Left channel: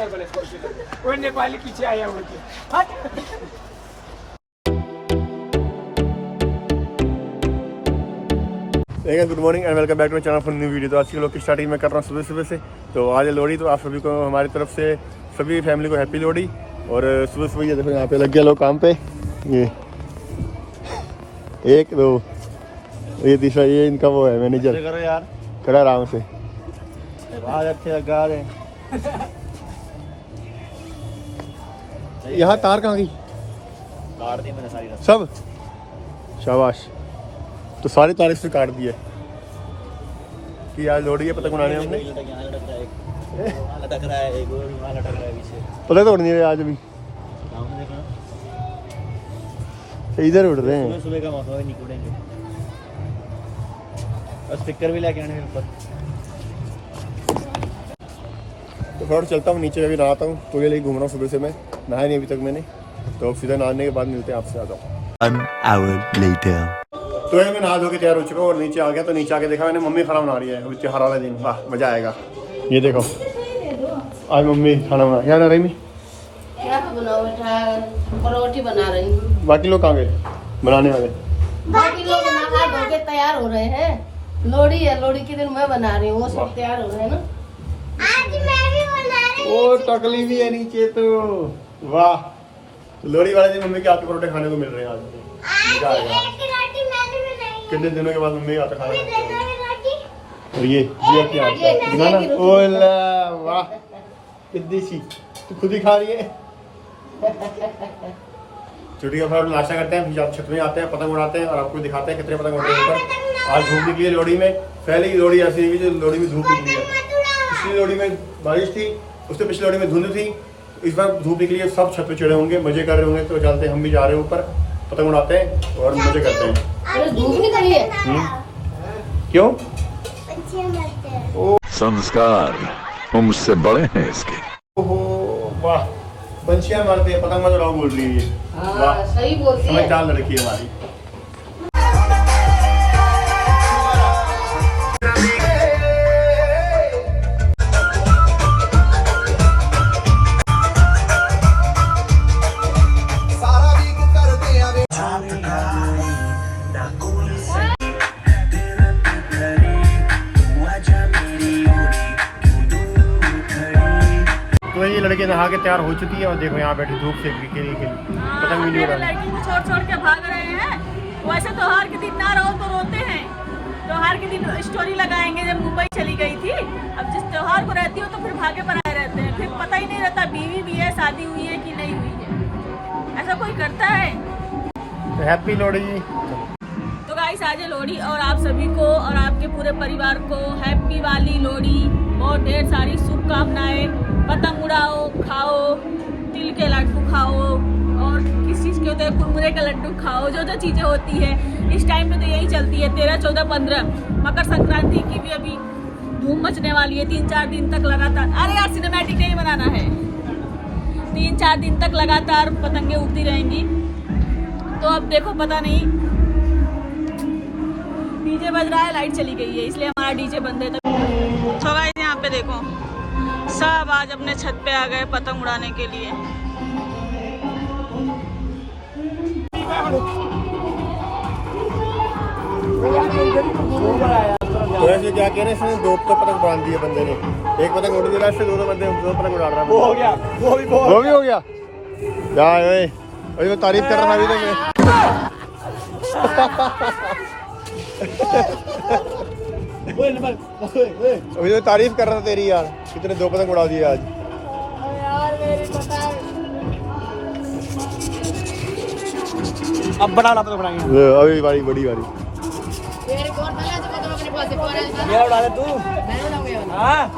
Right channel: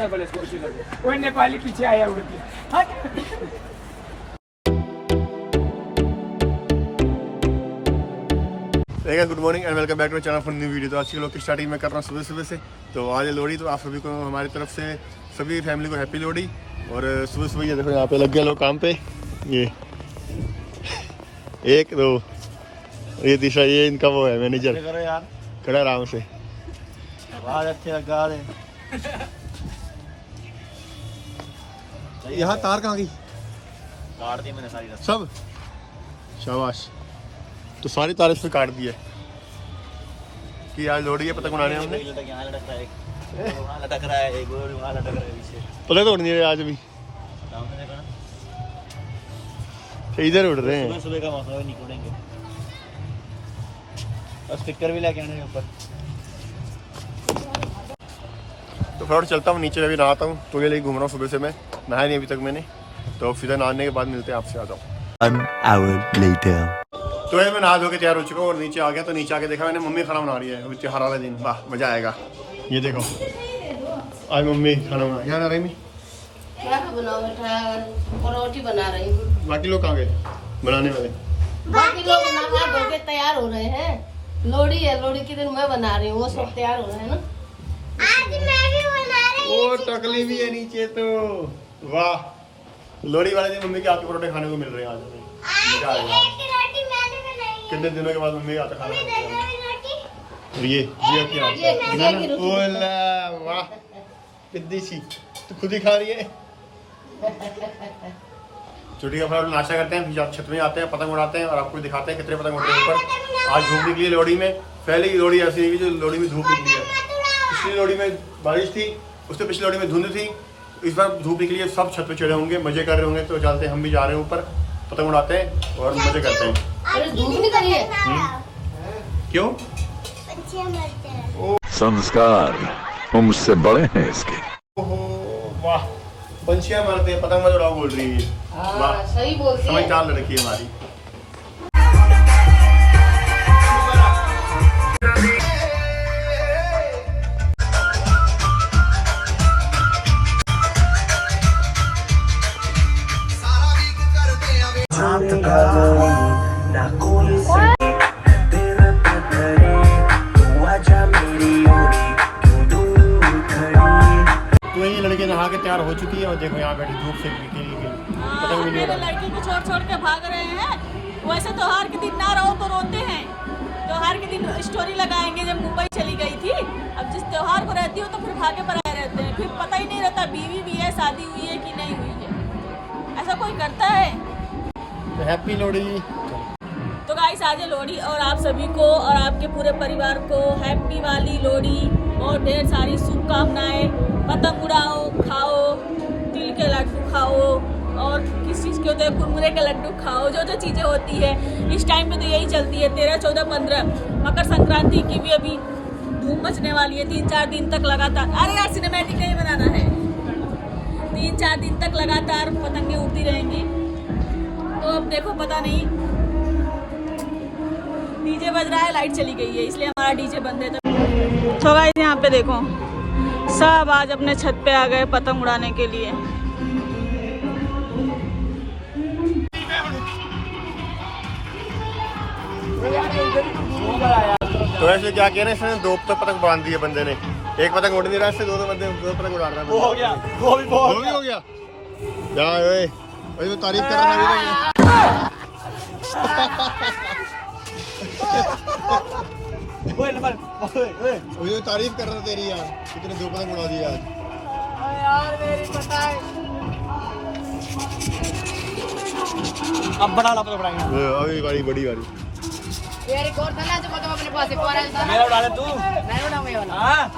वो नेपाली पीछे आया हुआ good morning and welcome back to channel for new video. तो आज की लोग की स्टार्टिंग में कर रहा हूँ सुबह सुबह से। तो आज है लोहड़ी, तो आप सभी को हमारी तरफ से सभी फैमिली को हैप्पी लोहड़ी। और सुबह सुबह ये देखो यहाँ पे लग गया लोग काम पे। ये एक दो, ये तीसरा, ये इनका वो है मैनेजर। करो यार, खड़ा आराम से। आज अच्छे लगा रहे। यहाँ तार कहाँ गई? काट दी मैंने सारी रस्सी। सब शाबाश। तो सारी तार इसमें काट दी है कि आज लोहड़ी है, पतंग उड़ाने हमने। लटक रहा है, एक और यहाँ लटक रहा है पीछे। पतंग तो उड़ नहीं रहे आज भी, इधर उड़ रहे हैं। सुबह का मौसम नहीं उड़ेंगे। और स्टिकर भी लेके आने ऊपर। तो फिर चलता हूँ नीचे, अभी नहाता हूँ। तो ये लेके घूम रहा हूँ सुबह से, मैं नहाया नहीं अभी तक मैंने। तो अब सीधा नहाने के बाद मिलते हैं आपसे, आता हूँ। 1 hour later. तो ये मैं नहा धो के तैयार हो चुका हूँ और नीचे आ गया। तो नीचे आके देखा मैंने, मम्मी खाना बना रही है। अभी त्योहार वाला दिन, वाह मजा आएगा। ये देखो आज मम्मी खाना बना, क्या बना रही? क्या बनाओ बेटा? रोटी बना रही हूँ। बाकी लोग कहाँ गए बनाने वाले? बाकी लोग नहा धो के तैयार हो रहे हैं। लोहड़ी है, लोहड़ी के दिन मैं बना रही हूँ, वो सब तैयार हो रहे हैं ना। आज मैं भी बना रही हूँ। ओ टकली भी है नीचे तो, वाह। तो लोहड़ी वाले दिन मम्मी के हाथ के परोठे खाने को मिल रहे हैं आज। मजा आएगा। कितने दिनों के बाद मम्मी के हाथ खाना खाते हैं। और ये क्या बनाना? ओला वाह, कितनी सी तू खुद ही खा रही है। छुट्टी का फिर नाश्ता करते हैं, फिर छत में आते हैं, पतंग उड़ाते हैं और आपको दिखाते हैं कितने पतंग उड़ रहे हैं ऊपर। आज धूप निकली है लोहड़ी में। पहले की लोहड़ी ऐसी नहीं, जो लोहड़ी में धूप निकली है। पिछली लोहड़ी में बारिश थी, उससे पिछली लोहड़ी में धुंध थी। इस बार धूप निकली है, सब छत पे चढ़े होंगे, मजे कर रहे होंगे। तो चलते हैं, हम भी जा रहे हैं ऊपर, पतंग उड़ाते हैं और मजे करते हैं। अरे धूप निकली है। क्यों? संस्कार वो मुझसे बड़े हैं इसके। ओहो वाह, पंछियां मारते हैं, पतंग मत उड़ाओ बोल रही है ये। वाह सही बोल रही है। समझदार लड़की है हमारी। तो ये लड़के नहा के तैयार हो चुकी है और देखो यहाँ बैठी धूप से खेली पतंग भी नहीं उड़ा। लड़की को छोड़ छोड़ के भाग रहे हैं। वैसे त्योहार के दिन ना रहो तो रोते हैं। त्योहार के दिन स्टोरी लगाएंगे जब मुंबई चली गई थी। अब जिस त्योहार को रहती हो तो फिर भागे पर आए रहते हैं, फिर पता ही नहीं रहता बीवी भी है, शादी हुई है कि नहीं हुई है। ऐसा कोई करता है? तो हैप्पी लोहड़ी। तो गाइस आज है लोहड़ी और आप सभी को और आपके पूरे परिवार को हैप्पी वाली लोहड़ी। बहुत ढेर सारी शुभकामनाएं। पतंग उड़ाओ, खाओ, तिल के लड्डू खाओ और किस चीज़ के होते हैं, कुरमुरे के लड्डू खाओ। जो जो चीज़ें होती है इस टाइम पे तो यही चलती है। 13, 14, 15 मकर संक्रांति की भी अभी धूम मचने वाली है। 3-4 दिन तक लगातार, अरे यार सिनेमैटिक नहीं बनाना है। 3-4 दिन तक लगातार पतंगे उड़ती रहेंगी। तो अब देखो, पता नहीं, डीजे बज रहा है, लाइट चली गई है इसलिए हमारा डीजे बंद है। तो गाइस यहाँ पे देखो, सब आज अपने छत पे आ गए पतंग उड़ाने के लिए। तो ऐसे क्या कह रहे हैं, इसने 2 पतंग बांध दी है बंदे ने। एक पतंग उड़ नहीं रहा, इससे 2 पतंग उड़ा रहा है। वो हो गया, वो भी हो गया। क्या है अभी मैं तारीफ कर रहा था अभी तो तारीफ कर रहा था तेरी यार, कितने 2 पतंग उड़ा दिए आज। यार मेरी पतंग अब बड़ा वाला पतंग उड़ाएंगे। अभी बड़ी वाली मेरा उड़ा ले तू। हाँ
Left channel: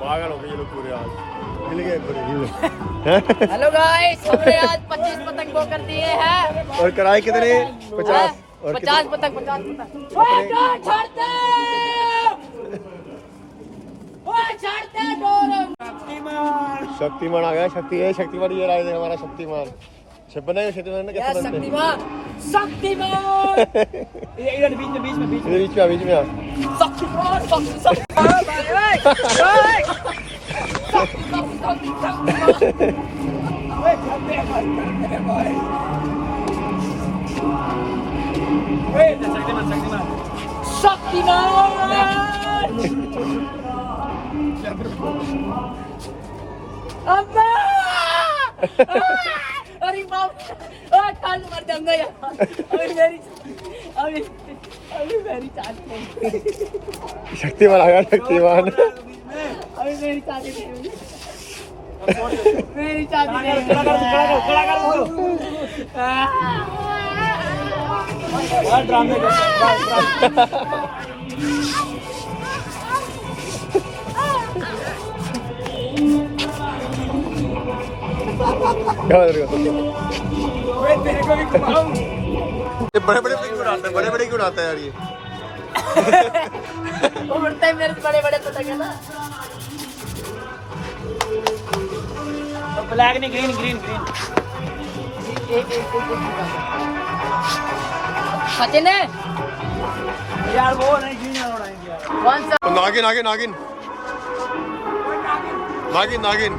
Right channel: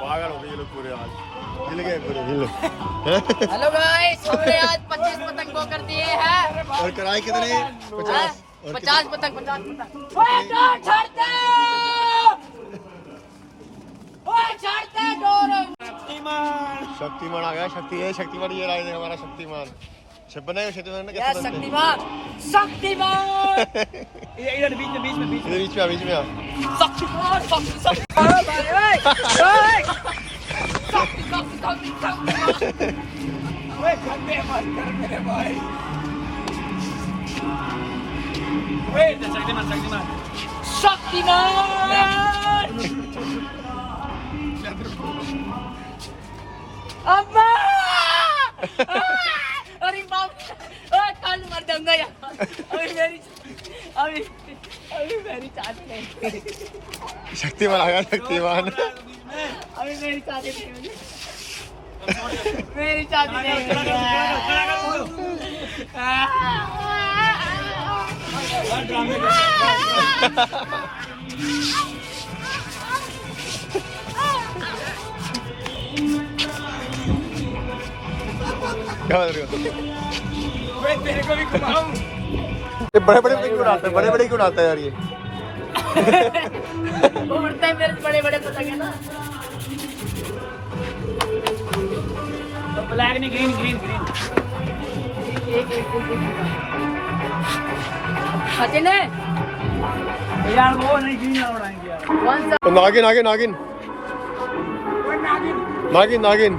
पागल हो गए ये लोग पूरे, आज हिल गए पूरे। हेलो गाइस, हमने आज 25 पतंग वो कर दिए हैं। और कराए कितने? 50 और 50 पतंग। शक्तिमान आ गया। शक्तिमान ये रहा है हमारा शक्तिमान। अच्छा बनाएगा शक्तिमान ने क्या कैसे बनते हैं? शक्तिमान इधर बीच में इधर बीच में आ शक्तिमान अब्बा अरे बाप कान मर जाऊंगा यार अभी मेरी चाची शक्तिमान आ गया शक्तिमान अभी मेरी चाची मेरी चाची ड्रामे क्या बता रहे हो तेरे को भी घुमाऊं ये बड़े बड़े क्यों उड़ाते हैं बड़े बड़े क्यों उड़ाते हैं यार ये उड़ते हैं मेरे बड़े बड़े पतंग है ना ब्लैक नहीं ग्रीन ग्रीन ग्रीन फतेह ने यार वो नहीं ग्रीन वाला उड़ाएंगे यार कौन सा तो नागिन नागिन नागिन नागिन नागिन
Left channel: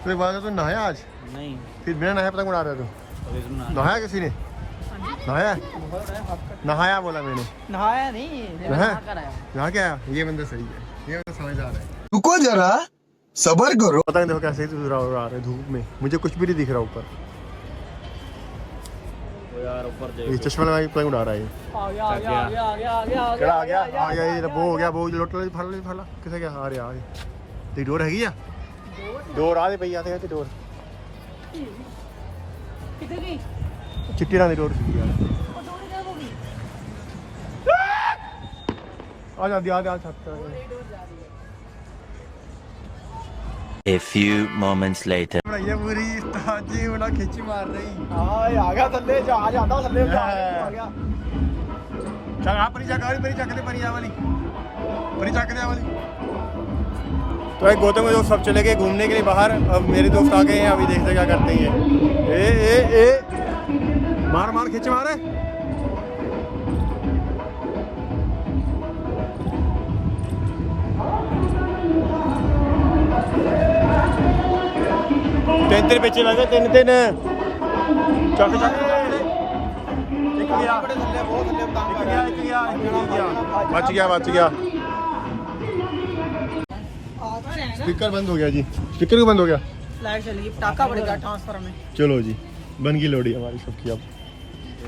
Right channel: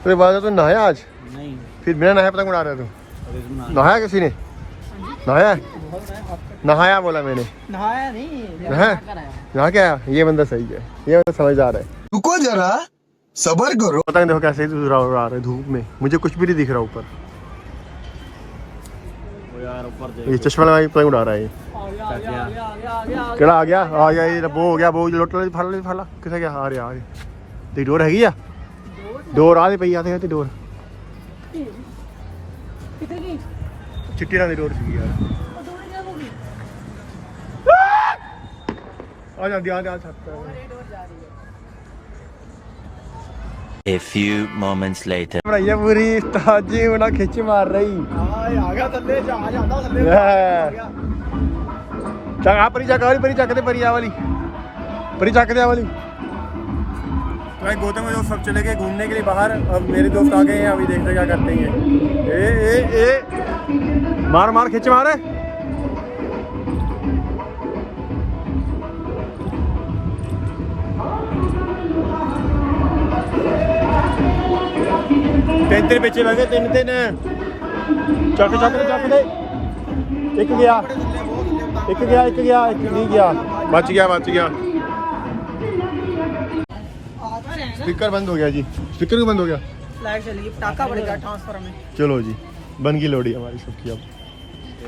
अरे बात तो नहाया आज नहीं फिर बिना नहाया पतंग उड़ा रहे तू नहाया किसी ने नहाया नहाया बोला मैंने नहाया नहीं नहा क्या आया ये बंदा सही है ये बंदा समझदार है रुको जरा सबर करो पतंग देखो कैसे ही उड़ा उड़ा रहे धूप में मुझे कुछ भी नहीं दिख रहा ऊपर ये चश्मा लगाई पतंग उड़ा रहा है ये केड़ा आ गया ये वो हो गया वो लोट फला किसे गया आ रहा तेरी डोर हैगी आ डोर आ पई आते हैं डोर चिट्टी ना दी डोर सी यार आ जा छत्ता A few moments later. भैया पूरी ताजी उना खिंच मार रही आ गया थल्ले जा आ जाता थल्ले चल आ परी चक दे परिया वाली परी चक दे वाली तो भाई गौतम के दोस्त सब चले गए घूमने के लिए बाहर अब मेरे दोस्त आ गए हैं अभी देखते क्या करते हैं ए मार खिंच मार तीन बच्चे लगे तीन चक दे एक गया एक नहीं गया बच गया स्पीकर बंद हो गया जी स्पीकर क्यों बंद हो गया लाइट चली गई टाका पड़ेगा ट्रांसफर में चलो जी बन गई लोड़ी हमारी सबकी अब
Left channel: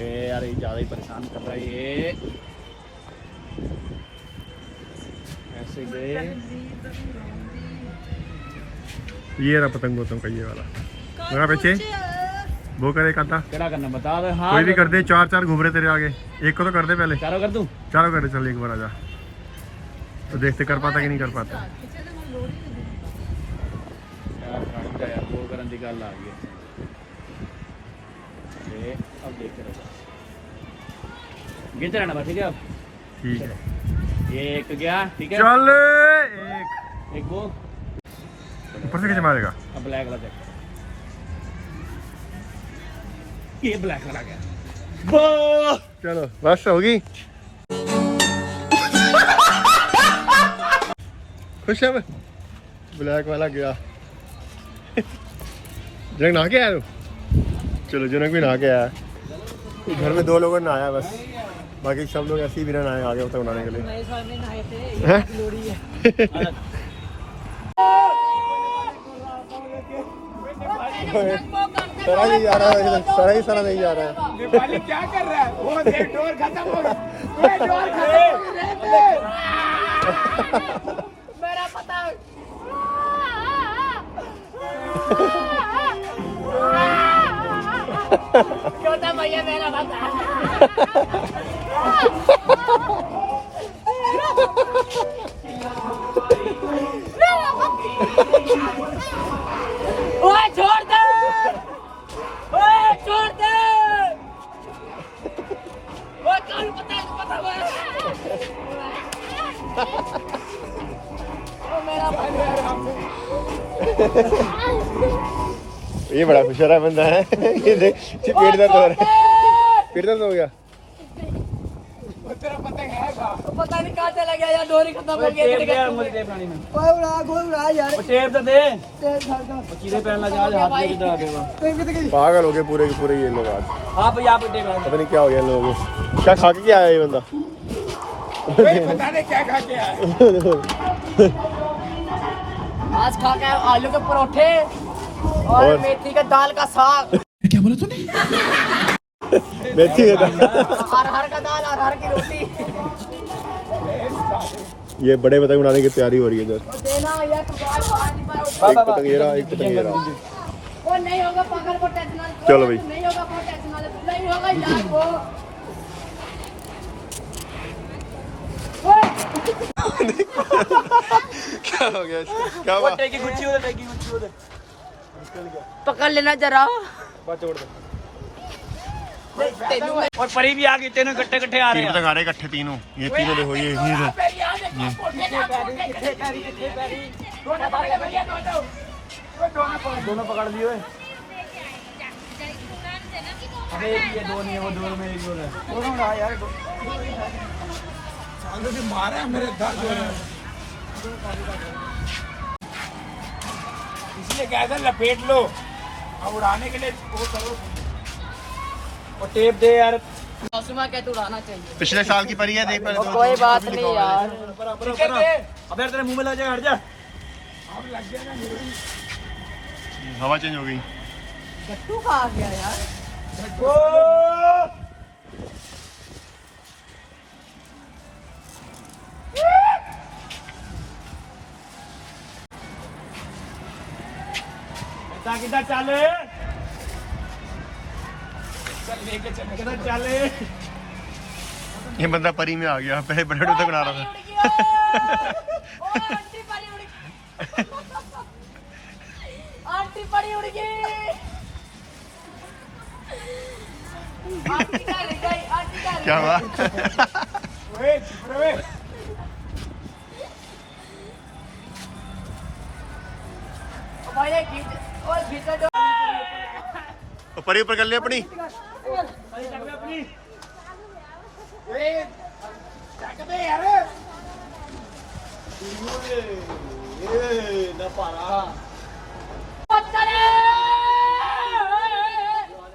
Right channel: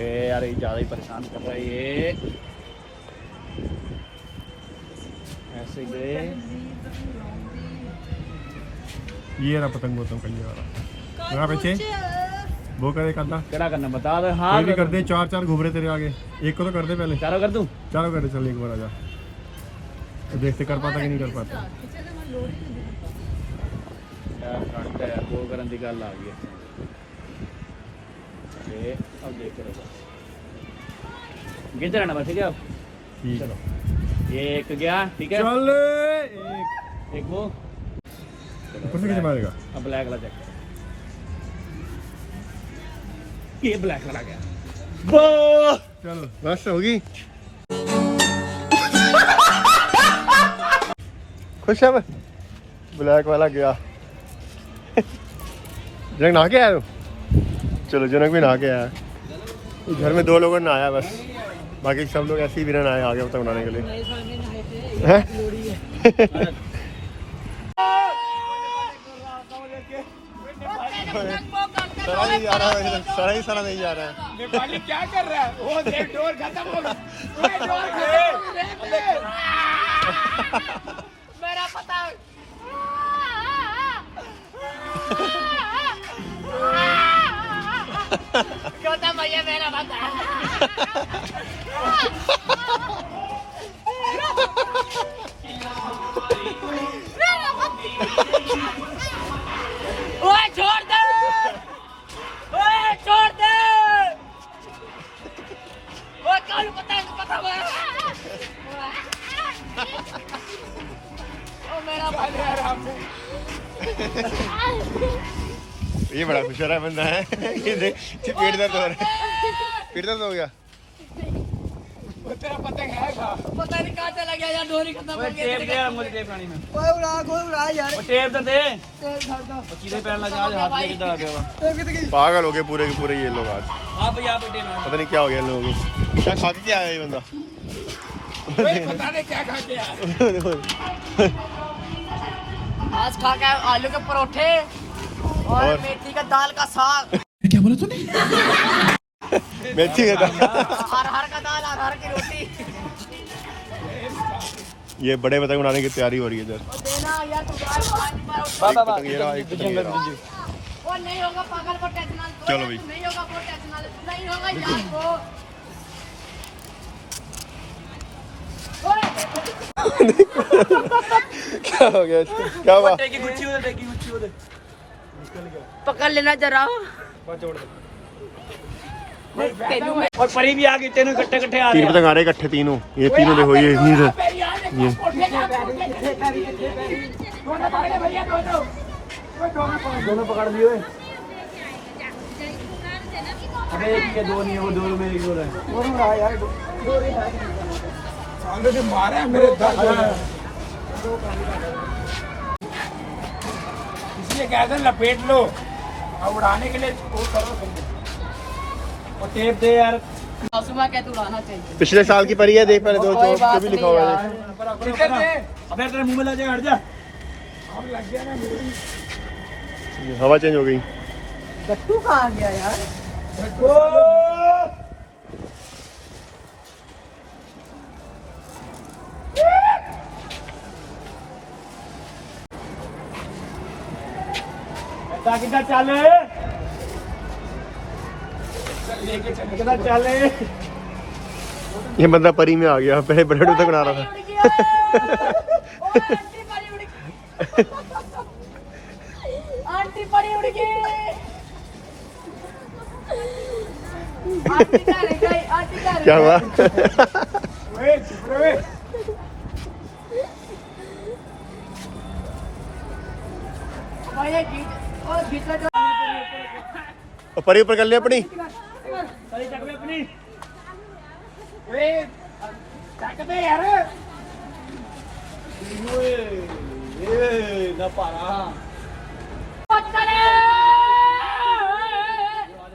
ए यार ये ज्यादा ही परेशान कर रहा है ये ऐसे गए ये रहा पतंग गौतम का ये वाला मेरा पीछे वो करे करता क्या करना बता दे हाँ कोई भी कर दे चार घूम रहे तेरे आगे एक को तो कर दे पहले चारों कर दूं चारों कर दे चल एक बार आजा तो देखते कर पाता कि नहीं कर पाता यार गाड़ी का यार वो करन दी गल आ गई ये अब देख रहे गिनते रहना बस ठीक है अब ठीक है चलो ये एक गया ठीक है चल एक वो ऊपर से कैसे मारेगा अब ब्लैक वाला चेक करो ये ब्लैक वाला गया वो चलो बस होगी खुश है मैं ब्लैक वाला गया जनक नहा के आया तू चलो जनक भी नहा के आया घर में 2 लोगों ने नहाया बस बाकी सब लोग ऐसे ही बिना नहाए आ गए पतंग उड़ाने के लिए सारा नहीं जा रहा है सारा नहीं जा रहा है नेपाली क्या कर रहा है वो देख डोर खत्म हो गया डोर मेरा पता गौतम भैया मेरा भगा। ओए छोड़ दे, ओए छोड़ दे, ओए कौन पता है पता है ओ मेरा भाई ये बड़ा खुशहाल बंदा है। ये देख पेट दर्द हो रहा है, पेट दर्द हो गया। पता नहीं कहाँ चला गया यार, डोरी खत्म हो गई। मुझे टेप लानी में टेप तो दे सीधे पहनना जा हाथ में किधर आ गया। पागल हो गए पूरे के पूरे ये लोग आज। हाँ भाई यहाँ पे टेप लानी। पता नहीं क्या हो गया इन लोगों को, क्या खा के क्या आया ये बंदा। पता नहीं क्या खा के आया। आज खा के आलू के परोठे और मेथी का दाल का साग। मेथी का दाल, अरहर का दाल, अरहर की रोटी। ये बड़े पतंग उड़ाने की तैयारी हो रही है जस्ट। देना यार एक पतंग ये रहा, एक पतंग ये रहा। वो नहीं होगा पकड़ को टेक्नोलॉजी। चलो भाई। नहीं होगा वो टेक्नोलॉजी, नहीं होगा यार वो। क्या हो गया इसको? क्या हुआ? टेकी गुच्छी उधर, टेकी गुच्छी उधर। पकड़ लेना जरा। और परी भी आ गई, तीनों इकट्ठे इकट्ठे आ रहे तीन पतंग आ रहे इकट्ठे तीनों, ये तीनों देखो ये दोनों पकड़ लिए। अरे एक ये दो नहीं है, वो दो में एक दो है। दोनों रहा यार, मारा है मेरे दर्द हो रहा है। इसलिए कहते हैं लपेट लो और उड़ाने के लिए वो करो। और टेप दे यार। कहते उड़ाना चाहिए। पिछले साल की परी है, देख पहले दो कोई बात भी लिखा हुआ है। नहीं अबे तेरे मुंह में लग जाए, हट जा। लग गया ना हवा चेंज हो गई। गट्टू कहाँ गया यार? किधर चले, किधर चले। ये बंदा परी में आ गया, पहले बड़े तक बना रहा था। आंटी पड़ी उड़ गई। क्या हुआ? परी ऊपर कर ले अपनी। अपनी न पारा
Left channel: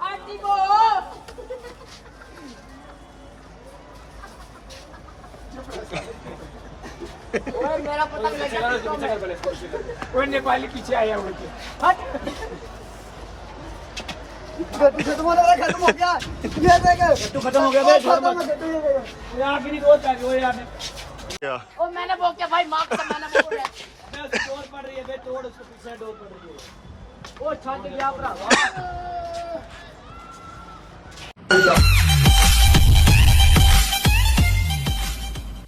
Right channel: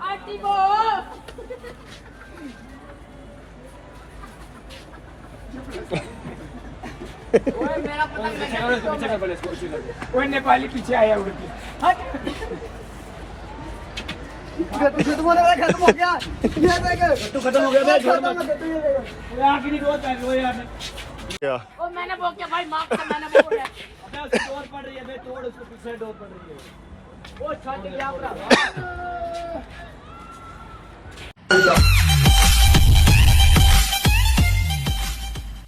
आंटी को मेरा पतंग नेपाली पीछे आया उड़ के। खत्म हो गया। खत्म हो गया भाई, छोड़ मत। वो आखिरी दोस्त आ गया, वो यार क्या? और मैंने वो क्या भाई, माफ कर, मैंने वो बोला। डोर पड़ रही है बे, तोड़ उसको, पीछे डोर पड़ रही है। वो छोड़ दिया।